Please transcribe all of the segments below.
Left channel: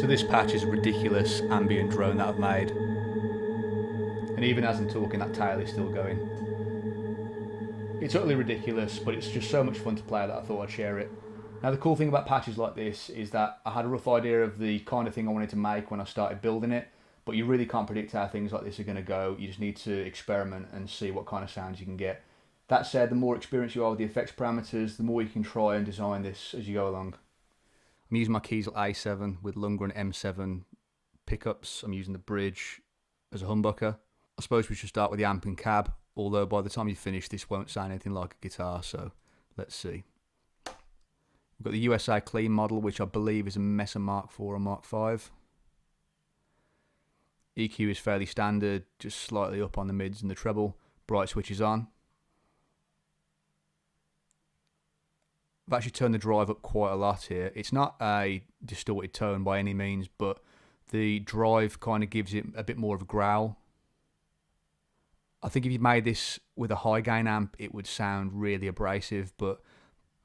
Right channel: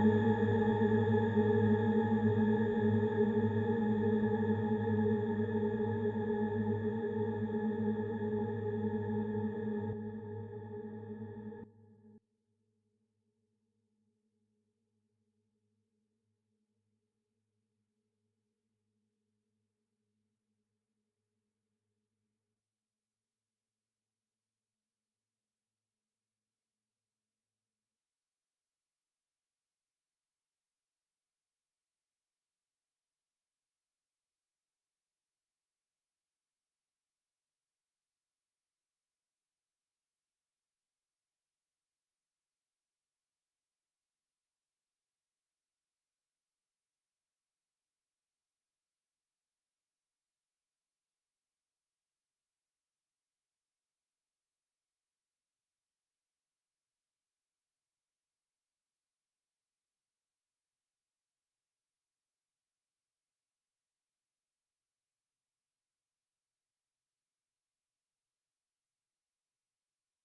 So this patch is a ridiculous ambient drone that I've made. And even as I'm talking, that tail is still going. It's utterly ridiculous, but it's just so much fun to play that I thought I'd share it. Now the cool thing about patches like this is that I had a rough idea of the kind of thing I wanted to make when I started building it, but you really can't predict how things like this are going to go. You just need to experiment and see what kind of sounds you can get. That said, the more experience you are with the effects parameters, the more you can try and design this as you go along. I'm using my Kiesel A7 with Lundgren M7 pickups. I'm using the bridge as a humbucker. I suppose we should start with the amp and cab, although by the time you finish this won't sound anything like a guitar, so let's see. We've got the USA Clean model, which I believe is a Mesa Mark IV or Mark V. EQ is fairly standard, just slightly up on the mids and the treble. Bright switch is on. I've actually turned the drive up quite a lot here. It's not a distorted tone by any means, but the drive kind of gives it a bit more of a growl. I think if you made this with a high gain amp, it would sound really abrasive, but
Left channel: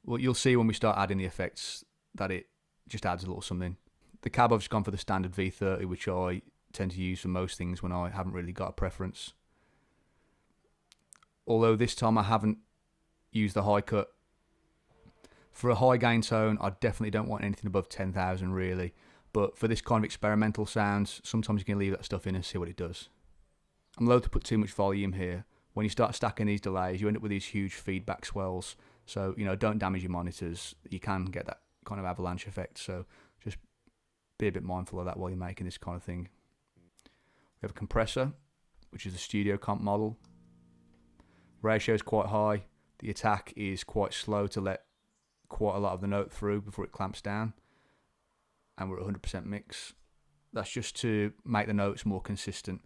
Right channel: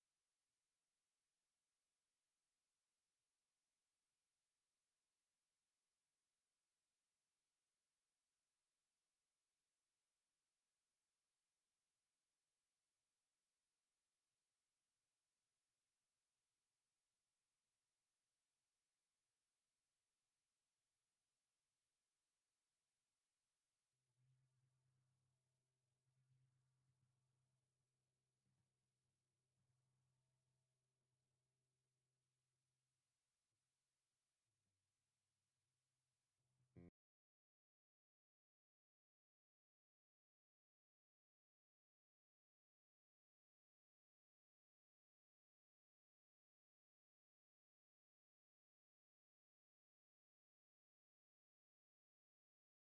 well, you'll see when we start adding the effects that it just adds a little something. The cab I've just gone for the standard V30, which I tend to use for most things when I haven't really got a preference. Although this time I haven't used the high cut. For a high gain tone, I definitely don't want anything above 10,000 really. But for this kind of experimental sounds, sometimes you can leave that stuff in and see what it does. I'm loath to put too much volume here. When you start stacking these delays, you end up with these huge feedback swells. So, you know, don't damage your monitors. You can get that kind of avalanche effect. So just be a bit mindful of that while you're making this kind of thing. We have a compressor, which is the studio comp model. Ratio is quite high. The attack is quite slow to let quite a lot of the note through before it clamps down. And we're at 100% mix. That's just to make the notes more consistent.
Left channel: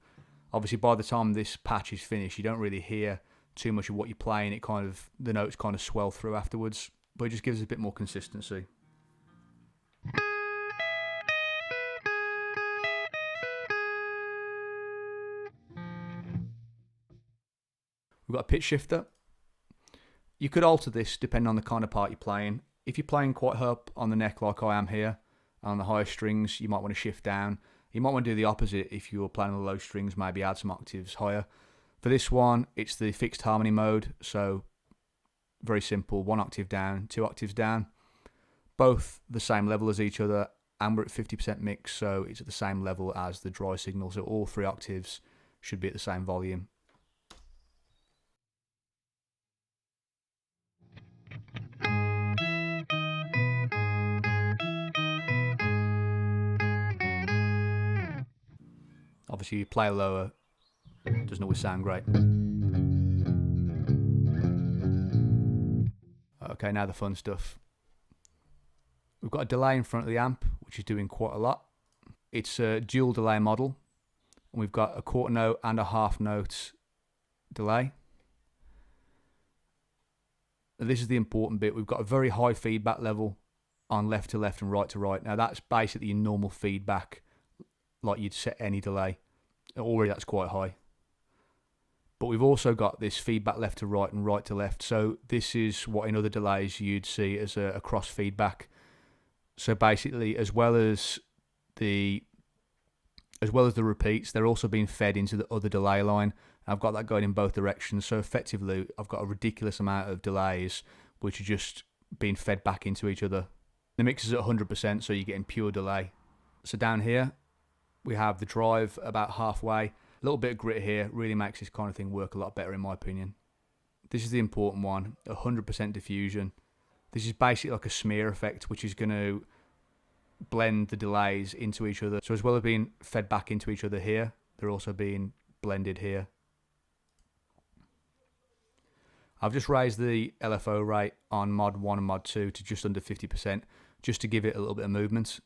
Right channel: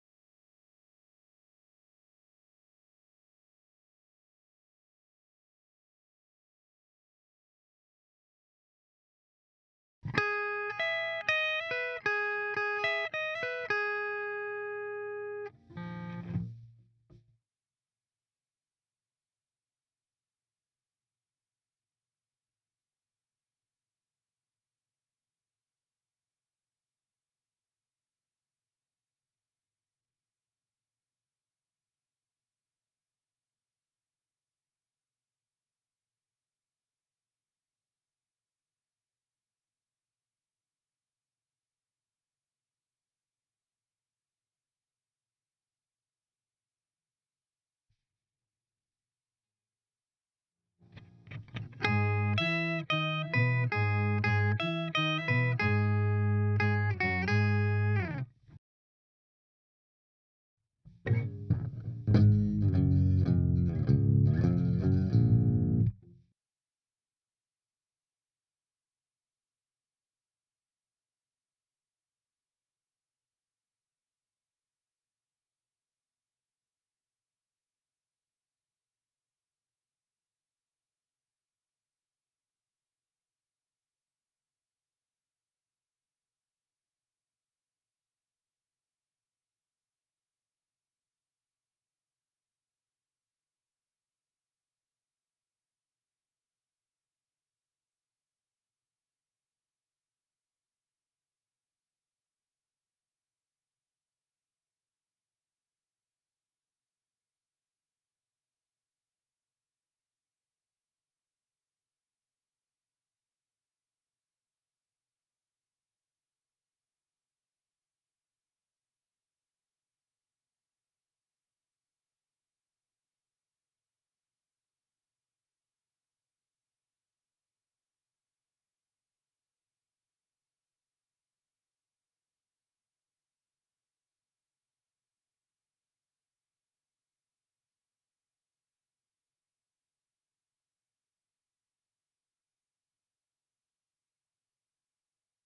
Obviously, by the time this patch is finished, you don't really hear too much of what you're playing. It kind of, the notes kind of swell through afterwards, but it just gives us a bit more consistency. We've got a pitch shifter. You could alter this depending on the kind of part you're playing. If you're playing quite high up on the neck like I am here, on the higher strings, you might want to shift down. You might want to do the opposite if you're playing on the low strings, maybe add some octaves higher. For this one, it's the fixed harmony mode, so very simple, 1 octave down, 2 octaves down. Both the same level as each other, and we're at 50% mix, so it's at the same level as the dry signal, so all 3 octaves should be at the same volume. Obviously, you play lower, it doesn't always sound great. Okay, now the fun stuff. We've got a delay in front of the amp, which is doing quite a lot. It's a dual delay model, and we've got a quarter note and a half note delay. This is the important bit. We've got a very high feedback level on left to left and right to right. Now that's basically your normal feedback, like you'd set any delay. Already that's quite high. But we've also got this feedback left to right and right to left. So this is what in other delays you'd see as a cross feedback. So basically, as well as the repeats, they're also being fed into the other delay line. And I've got that going in both directions. So effectively, I've got a ridiculous amount of delays which are just being fed back into each other. The mix is at 100%, so you're getting pure delay. So down here, we have the drive about halfway. A little bit of grit here really makes this kind of thing work a lot better in my opinion. This is the important one, 100% diffusion. This is basically like a smear effect, which is going to blend the delays into each other. So as well as being fed back into each other here, they're also being blended here. I've just raised the LFO rate on mod 1 and mod 2 to just under 50%, just to give it a little bit of movement.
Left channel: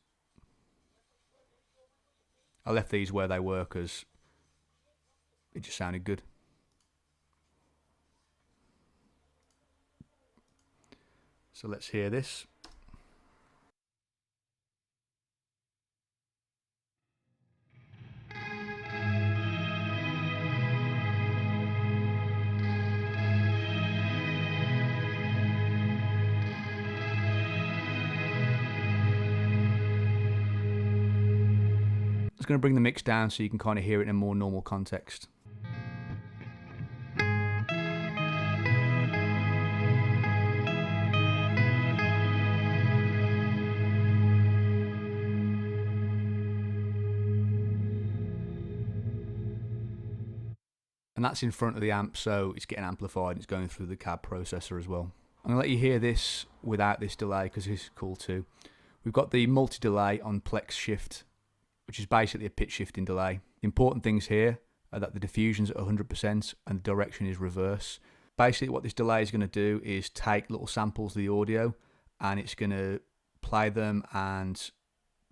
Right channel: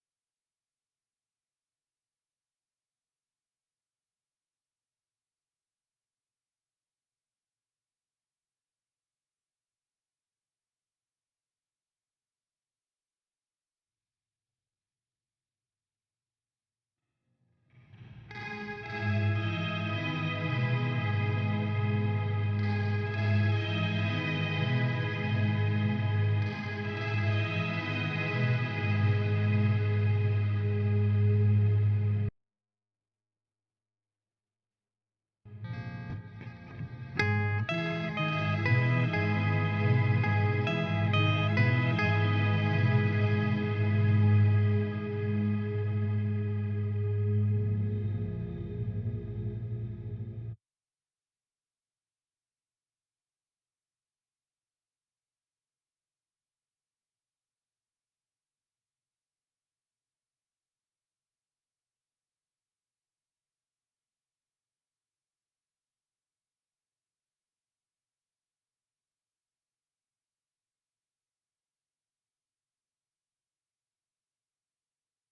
I left these where they were because it just sounded good. So let's hear this. It's going to bring the mix down so you can kind of hear it in a more normal context. And that's in front of the amp, so it's getting amplified and it's going through the cab processor as well. I'm going to let you hear this without this delay because this is cool too. We've got the multi-delay on Plex Shift, which is basically a pitch shifting delay. The important things here are that the diffusion's at 100% and the direction is reverse. Basically what this delay is going to do is take little samples of the audio and it's going to play them and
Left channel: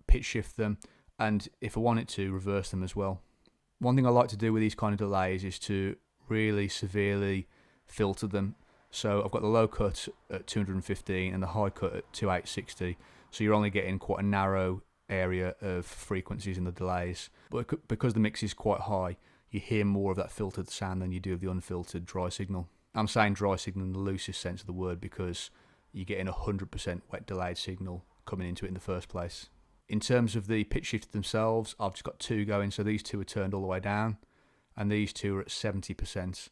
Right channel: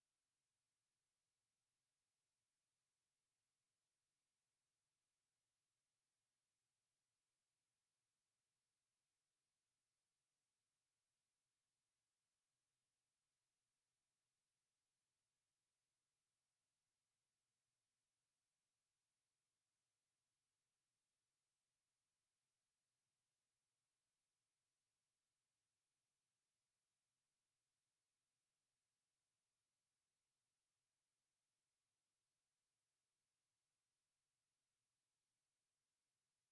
pitch shift them, and if I want it to, reverse them as well. One thing I like to do with these kind of delays is to really severely filter them. So I've got the low cut at 215 and the high cut at 2860. So you're only getting quite a narrow area of frequencies in the delays. But because the mix is quite high, you hear more of that filtered sound than you do of the unfiltered dry signal. I'm saying dry signal in the loosest sense of the word because you're getting 100% wet delayed signal coming into it in the first place. In terms of the pitch shifters themselves, I've just got two going, so these two are turned all the way down, and these two are at 70%.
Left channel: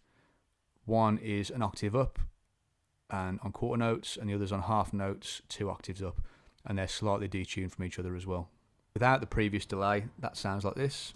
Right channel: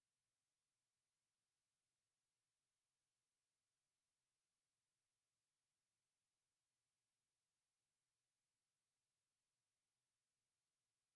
One is an octave up and on quarter notes, and the other's on half notes, 2 octaves up, and they're slightly detuned from each other as well. Without the previous delay, that sounds like this.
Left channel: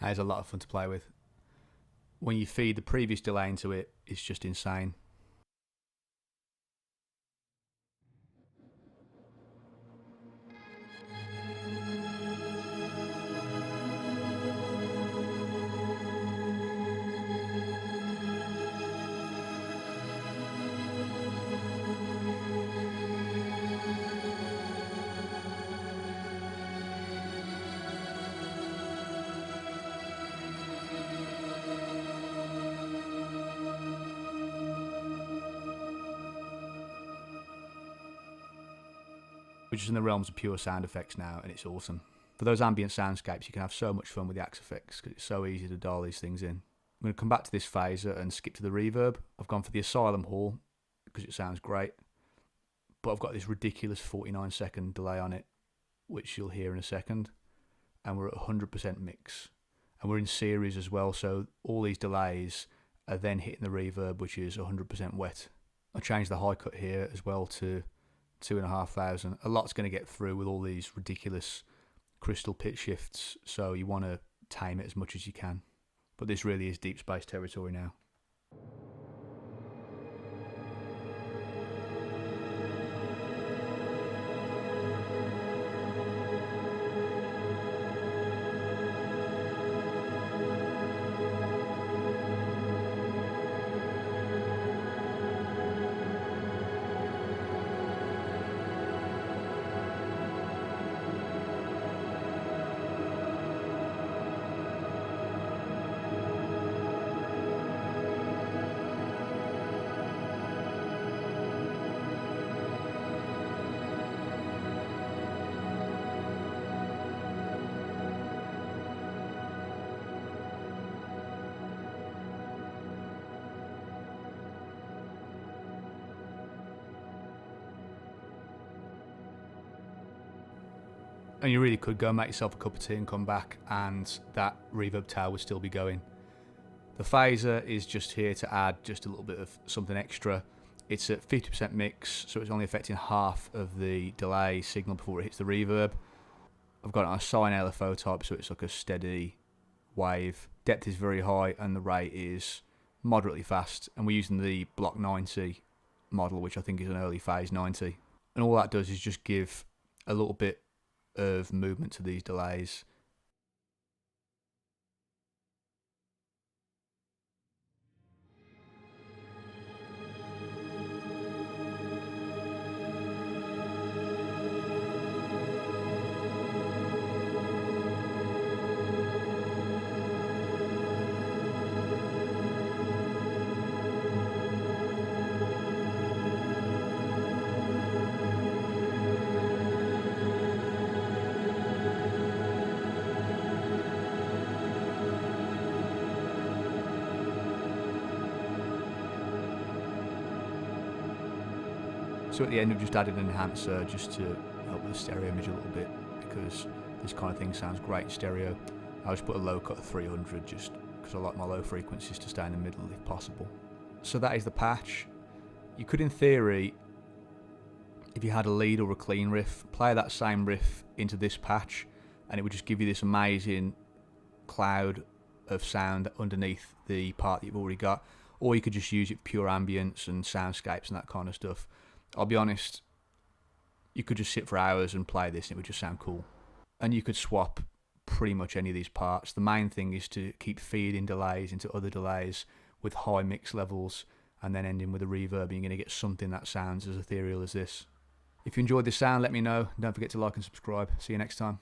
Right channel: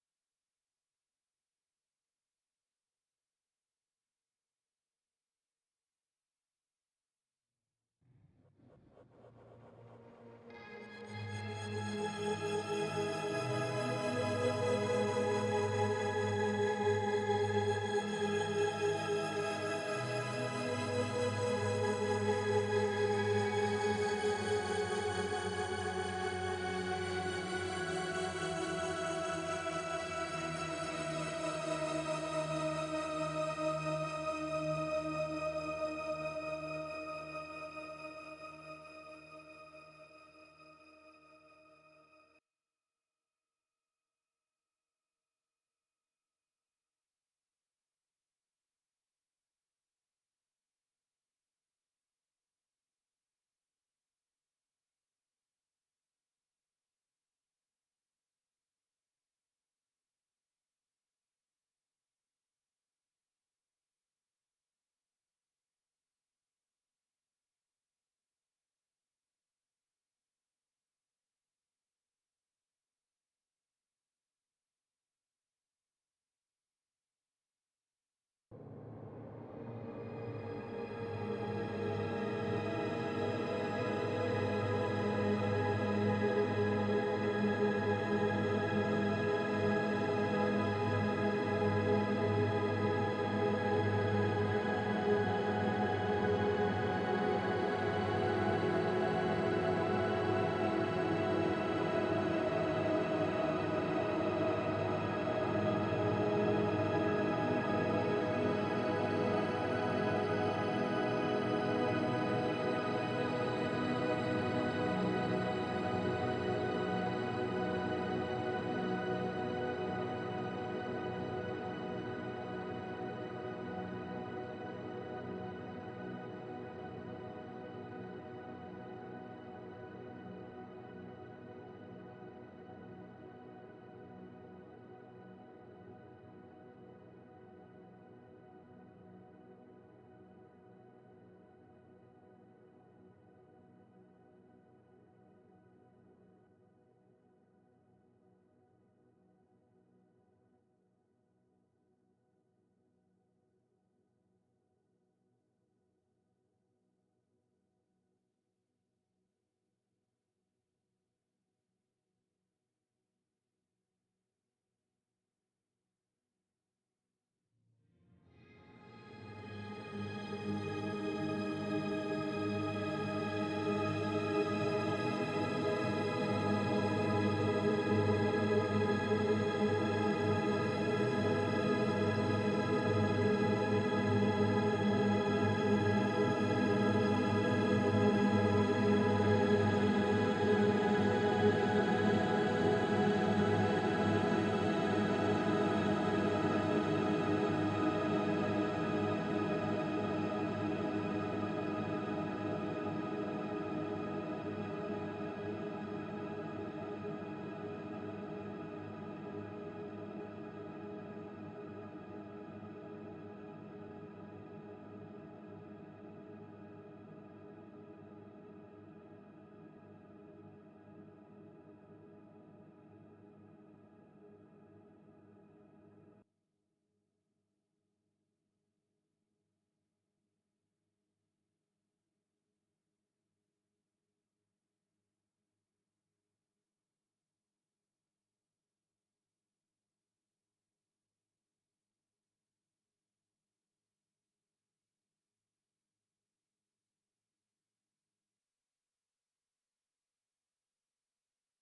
That is a lot of fun to play with. When you feed the previous delay into it, it's just insane. We're just in the realms of pure sound effects now, and it's awesome. For those ambient soundscapes, you can have so much fun with the axe effects because it's so easy to dial these things in. I'm going to come back to this phaser and skip to the reverb. I've gone for the Asylum Hall because it sounds great, but I've got this ridiculous 49-second delay on it, which you'll hear in a second, and we're at 100% mix. And we're in series as well, so all these delays are then hitting the reverb, which is 100% wet. I changed the high cut here as well to 2,500. A lot's going to get through with all these ridiculous crystal pitch shifts, so you want to tame it as much as you can. But this really is deep space territory now. And you really could go and make yourself a cup of tea and come back and that reverb tail would still be going. The phaser is just here to add just a little bit of something extra. It's at 50% mix, so it's only affecting half of the delay signal before it hits the reverb. I've got it on a sine LFO type, so it's like a steady wave. Depth is very high and the rate is moderately fast, and we're using the Block 90 model, which I think is an early phase 90. And all that does is just give a little bit of movement to these delays. So at the end we've just added an enhancer just to help with the stereo image a little bit, because this kind of thing sounds great in stereo. I just put a low cut of 300 just because I like my low frequencies to stay in the middle if possible. So that is the patch. You could, in theory, if you had a lead or a clean riff, play that same riff into this patch and it would just give you this amazing cloud of sound underneath the part that you've already got. Or you could just use it for pure ambience and soundscapes and that kind of stuff. I'll be honest, you could just sit for hours and play this and it would just sound cool. And you could swap pretty much any of these parts. The main thing is to keep feeding delays into other delays with high mix levels and then ending with a reverb, and you're going to get something that sounds as ethereal as this. If you enjoyed this sound, let me know. Don't forget to like and subscribe. See you next time.